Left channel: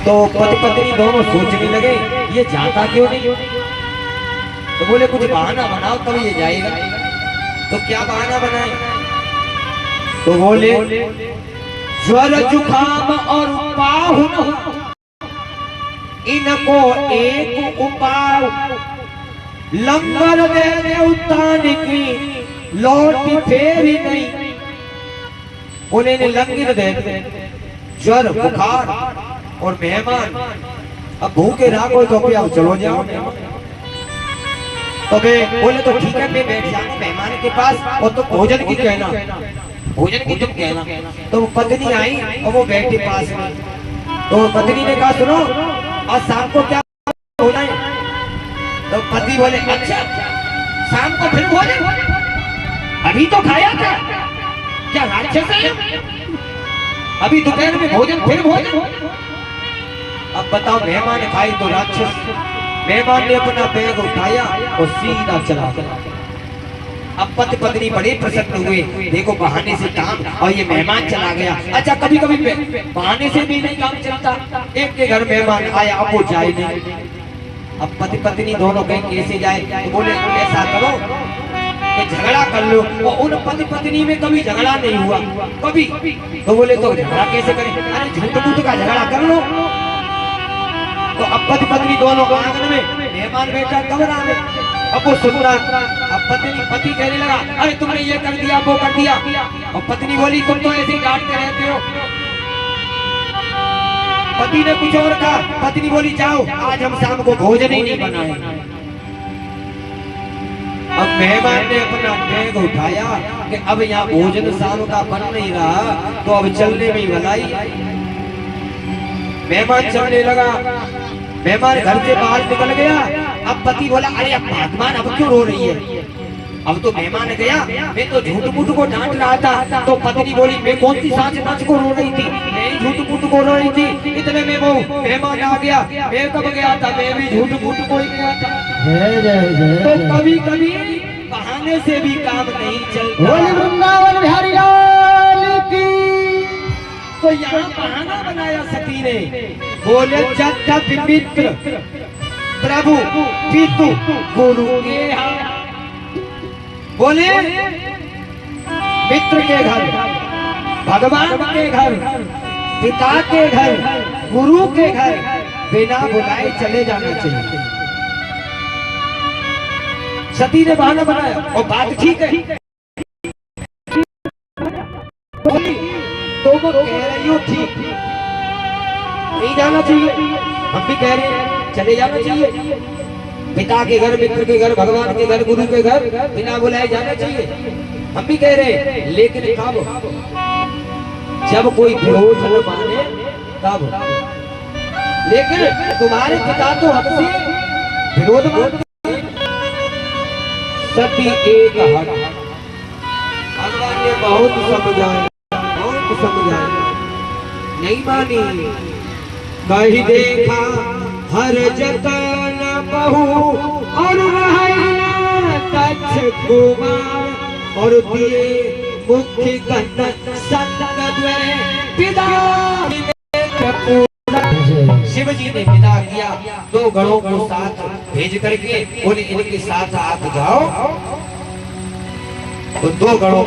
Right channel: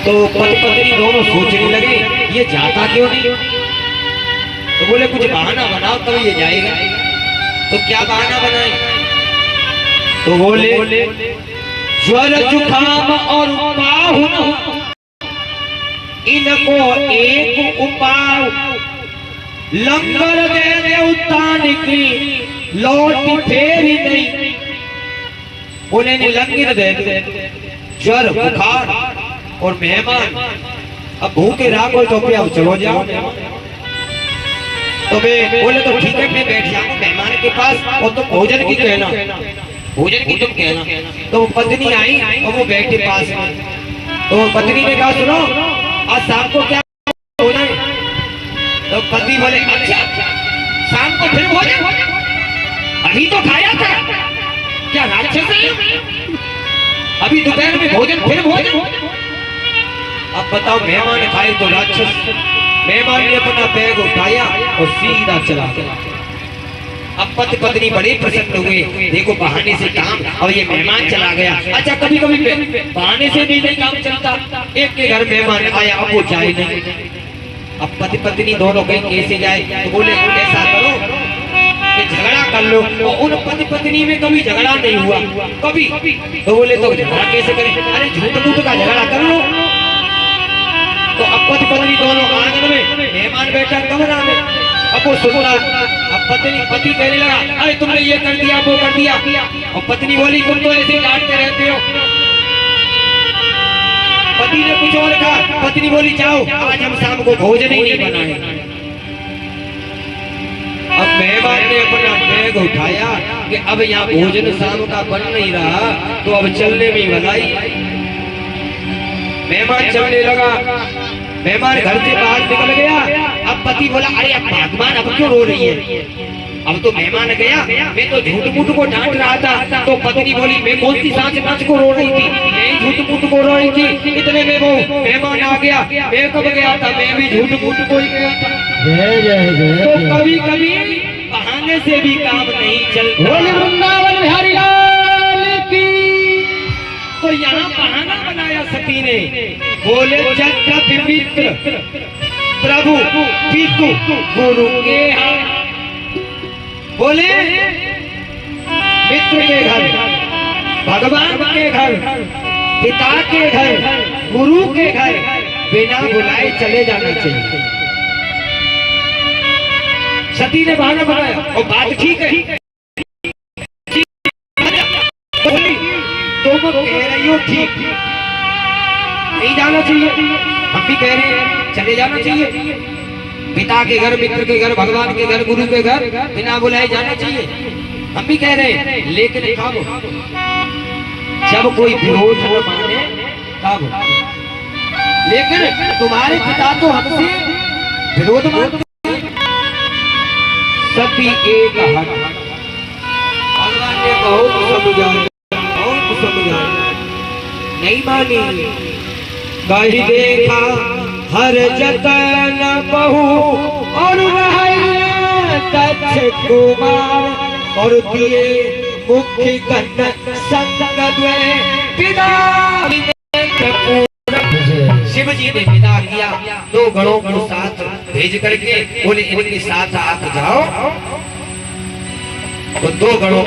तो पति पत्नी दोनों सोचने लगे ये जाता क्यों नहीं। तो बोले कुछ बहाना बनाओ तब ये जाएगा। तो क्या बहाना बनाए। तो बोले ज्वर जुकाम और पाहुन इनको एक उपाय लंगर दे देवतान की लौटी फेरी नहीं। उन्हें लंगर दे ज्वर बुखार और मेहमान अब भूखे राखो तो फिर अब चलो जाओ। तो मैं बोले तो ठीक है मैं बैठ जाऊंगा मेहमान के पास और तो भोजन की कहना भोजन की तुम कहना। तो पत्नी आई और वो बैठे पास में। तो पत्नी ने कहा सुनो आज शाम को क्या होना है। तो पति बोले अच्छा शाम को फिर भोजन अभी तो खाया था क्या राक्षस है अभी दोपहर में भोजन फिर भोजन। अब बताओ मेहमान खाए तो राक्षस। मेहमान ने अपना बैग उठाया और सीधा चला गया। अब पति पत्नी बड़े प्रसन्न हुए देखो बहाने से काम और ये मेहमान चला गया। अच्छा कभी कभी बहाने से भी नहीं काम चलता। एक के घर मेहमान आया अब वो जाए नहीं। अब पति पत्नी दोनों कहीं कैसे जाए। तो बोले ऐसा करो कि झगड़ा कर लो। और उन पति पत्नी में कभी झगड़ा नहीं हुआ कभी। तो बोले तो झगड़ा कैसे करें। अरे झूठ मूठ का झगड़ा कर लो। तो अब पति पत्नी दोनों आंगन में मेहमान बैठा कमरा में। अब वो सुन रहा। अब पति कहने लगा अरे तुमने ये कर दिया वो कर दिया। और पत्नी बोली तुम तो ऐसे डांटते रहते हो। पति ने कुछ और कहा। पत्नी बोली जाओ आज हम शाम को भोजन ही नहीं बनाए। अब मेहमान ने अपना बैग उठाया कि अब यहाँ भोजन शाम का बन नहीं रहा तो अब चलने में भलाई। मेहमान चलने लगा। मेहमान घर से बाहर निकल गया। अब पति बोला अरे अब भगवान अब क्यों रो रही है। अब तो मेहमान गया मैं तो झूठ मूठ को डांट रहा था। तो पत्नी बोली मैं कौन सी सांस नाच को रो रही थी मैं झूठ मूठ को रो रही थी। इतने में वो मेहमान आ गया। मैं कब गया था मैं भी झूठ मूठ को ही गया था। तो कभी कभी बहाने से भी काम नहीं चलता। वृंदावन बिहारी लाल की। तो यहाँ बहाना बनाया सती ने। बोले जग मित्र प्रभु पितु गुरु के बोले मित्र के घर भगवान के घर पिता के घर गुरु के घर बिना बुलाए चले जाना चाहिए। सती ने बहाना बनाया और बात ठीक है। तुम कह रही हो ठीक नहीं जाना चाहिए। हम भी कह रहे हैं चले जाना चाहिए। पिता के घर मित्र के घर भगवान के घर गुरु के घर बिना बुलाए जाना चाहिए। हम भी कह रहे हैं लेकिन कब जब कोई विरोध न माने तब। लेकिन तुम्हारे पिता तो हमसे विरोध मानते। सती एक हक भगवान ने बहुत समझाया नहीं मानी। कहीं देखा हर जतन बहु और दक्ष कुमार और दिए मुख्य गण संग शिव जी ने विदा किया। 2 गणों को साथ भेज करके बोले इनके साथ आप जाओ। तो 2 गणों